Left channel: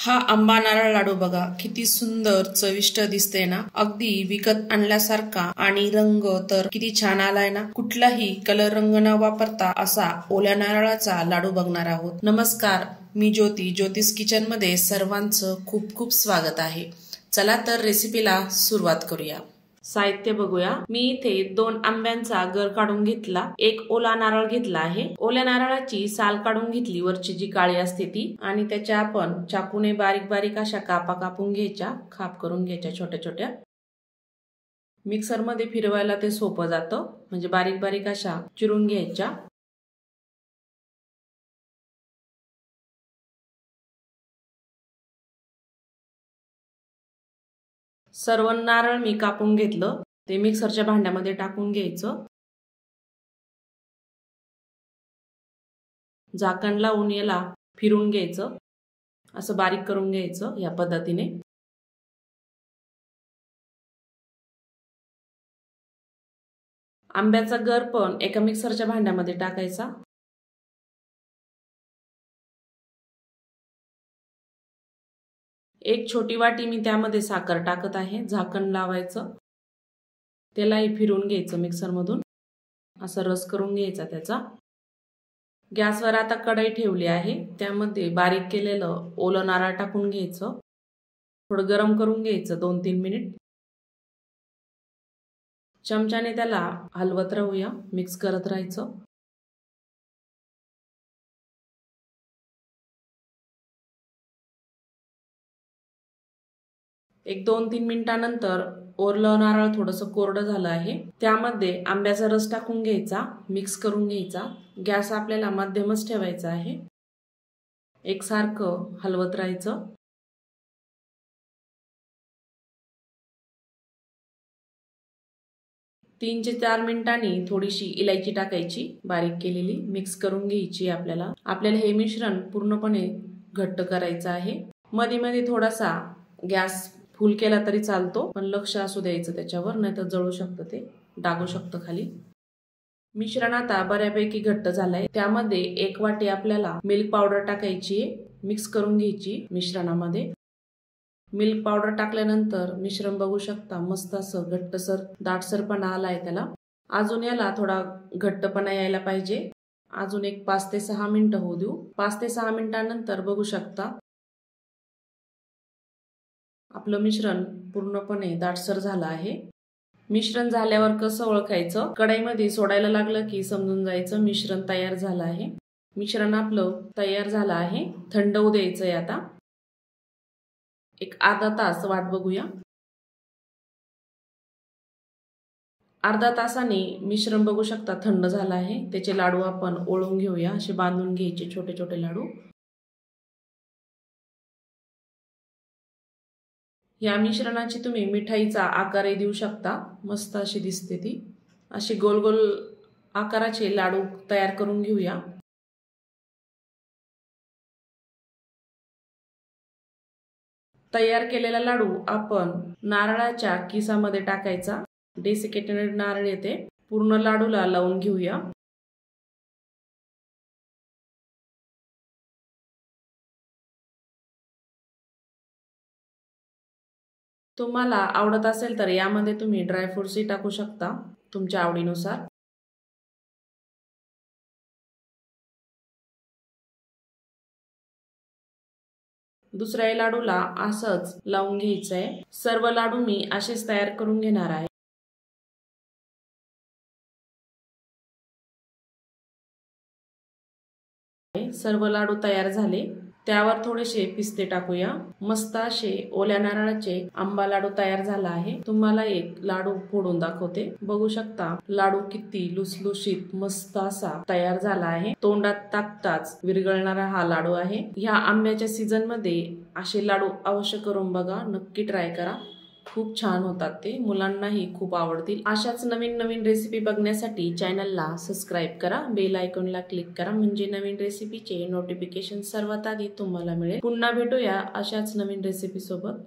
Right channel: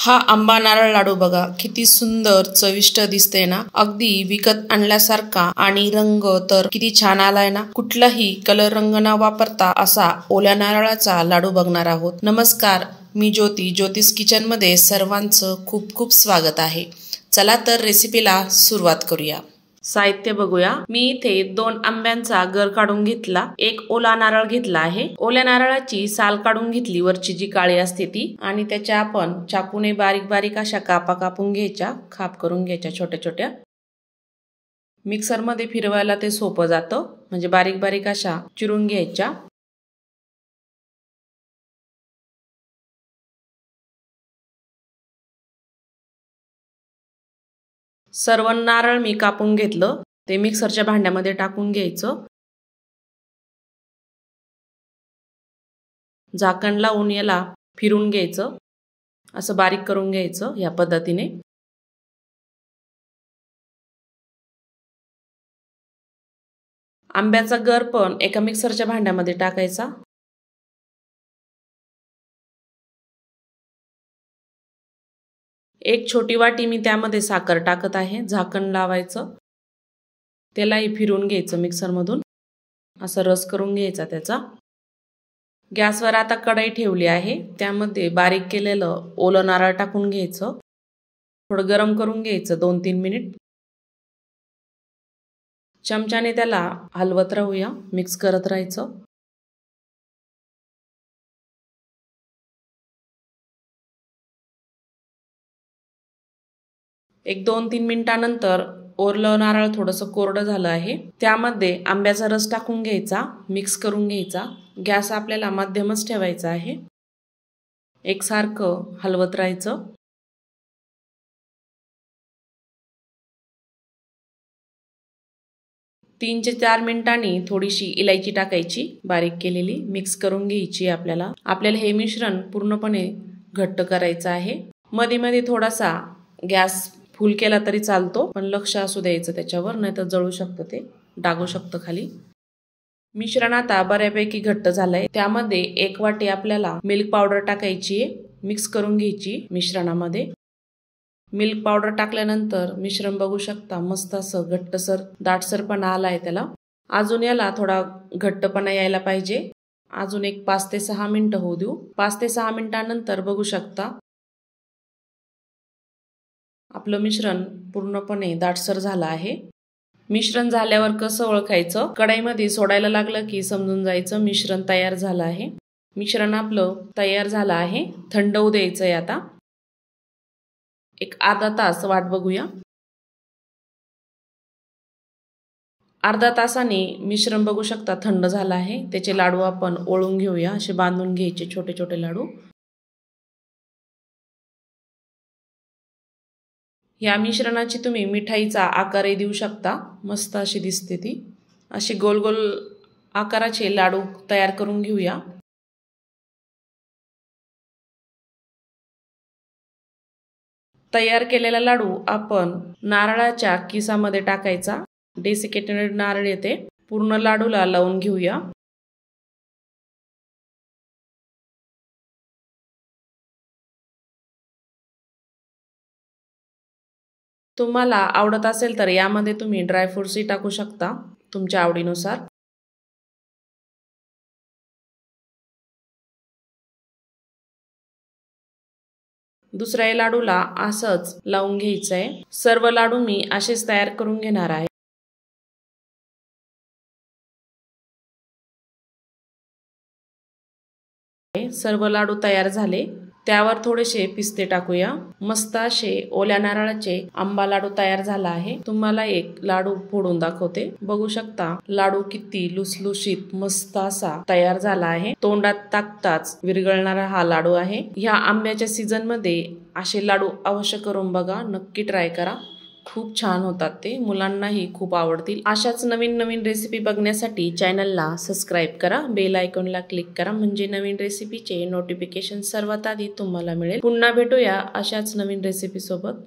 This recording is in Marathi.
हा आंबा नारळ लाडू बघा किती सुंदर चविष्ट दिसते ना। अगदी विकत आणल्यासारखा आणि रंग तर किती छान आलाय ना। कुठलाही कलर रंग न वापरता असा ओल्या नारळाचा लाडू बघणार आहोत। नमस्कार, मी ज्योती, ज्योतिष किचन मध्ये सर्वांचं खूप खूप स्वागत आहे। चला तर रेसिपीला सुरुवात करूया। साहित्य बघूया। मी इथे 2 आंब्यांचा गर काढून घेतला, एक ओला नारळ घेतला आहे। ओल्या नारळाची साल काढून घेतली, वरची जी काळी असते ती, आणि त्याच्या आपण चाकूने बारीक बारीक अशा कापा कापून घ्यायच्या, खाप करून घ्यायच्या छोट्या छोट्या। मिक्सर मध्ये फिरवायला ते सोपं जातं, म्हणजे बारीक बारीक अशा चिरून घ्यायच्या। सर्व नारळ मी कापून घेतलं, ते मिक्सरच्या भांड्यामध्ये टाकून घ्यायचं। झाकण लावून याला फिरून घ्यायचं, असं बारीक करून घ्यायचं या पद्धतीने। आंब्याचा गर पण एका मिक्सरच्या भांड्यामध्ये टाकायचा। एक छोटी वाटी मी त्यामध्ये साखर टाकत आहे। झाकण लावायचं, त्यालाही फिरून घ्यायचं मिक्सर मधून, असं रस करून घ्यायचा त्याचा। गॅसवर आता कढई ठेवली आहे, त्यामध्ये बारीक केलेलं ओलं नारळ टाकून घ्यायचं। थोडं गरम करून घ्यायचं 2-3 मिनिट। चमच्याने त्याला हलवत राहूया, मिक्स करत राहायचं। एक 2-3 मिनिटानंतर ओरलं नारळ थोडंसं कोरडं झालं आहे, त्यामध्ये आंब्याचा रस टाकून घ्यायचा, मिक्स करून घ्यायचा। गॅस आपल्याला मध्यमच ठेवायचा आहे, एकसारखं हलवत राहायचं। तीन ते 4 मिनिटांनी थोडीशी इलायची टाकायची बारीक केलेली, मिक्स करून घ्यायची। आपल्याला हे मिश्रण पूर्णपणे घट्ट करायचं आहे। मध्ये मध्ये थोडासा गॅस फुल केला तरी चालतो, पण लक्ष असू द्यायचं त्याच्यावर, नाहीतर जळू शकतं, ते डागू शकतं खाली। मिश्रण आता बऱ्यापैकी घट्ट झालंय, त्यामध्ये 1 वाटी आपल्याला मिल्क पावडर टाकायची, मिक्स करून घ्यायची मिश्रणामध्ये। मिल्क पावडर टाकल्यानंतर मिश्रण बघू शकता, मस्त असं घट्टसर दाटसरपणा आलाय त्याला। अजून याला थोडा घट्टपणा यायला पाहिजे, अजून एक 5 ते 6 मिनिटं होऊ देऊ। 5 ते 6 मिनिटांनंतर बघू शकता आपलं मिश्रण पूर्णपणे दाटसर झालं आहे। मिश्रण झाल्यावर कसं ओळखायचं, कढईमध्ये सोडायला लागलं की समजून जायचं मिश्रण तयार झालं आहे। मिश्रण आपलं तयार झालं आहे, थंड होऊ द्यायचंय आता। एक अर्धा तास वाट बघूया। अर्धा तासाने मिश्रण बघू शकता थंड झालं आहे, त्याचे लाडू आपण ओळून घेऊया, असे बांधून घ्यायचे छोटे छोटे लाडू। या मिश्रणाची तुम्ही मिठाईचा आकारही देऊ शकता, मस्त अशी दिसते ती। असे गोल गोल आकाराचे लाडू तयार करून घेऊया। तयार केलेला लाडू आपण नारळाच्या किसामध्ये टाकायचा, डेसिकेटेड नारळ येते, पूर्ण लाडूला लावून घेऊया। तुम्हाला आवडत असेल तर यामध्ये तुम्ही ड्रायफ्रुट्सही टाकू शकता, तुमच्या आवडीनुसार। दुसऱ्या लाडूला असंच लावून घ्यायचंय। सर्व लाडू मी असेच तयार करून घेणार आहे। सर्व लाडू तयार झाले, त्यावर थोडेसे पिस्ते टाकूया। मस्त असे ओल्या नारळाचे आंबा लाडू तयार झाला आहे। तुम्हाला एक लाडू फोडून दाखवते, बघू शकता लाडू किती लुसलुशीत मस्त असा तयार झाला आहे। तोंडात टाकताच विरघळणारा हा लाडू आहे। ह्या आंब्याच्या सीझन मध्ये असे लाडू अवश्य करून बघा, नक्की ट्राय करा, खूप छान होतात ते, मुलांनाही खूप आवडतील। अशाच नवीन नवीन रेसिपी बघण्यासाठी चॅनलला सबस्क्राईब करा, बेल आयकॉनला क्लिक करा, म्हणजे नवीन रेसिपीचे नोटिफिकेशन सर्वात आधी तुम्हाला मिळेल। पुन्हा भेटूया अशाच नवीन रेसिपी सोबत।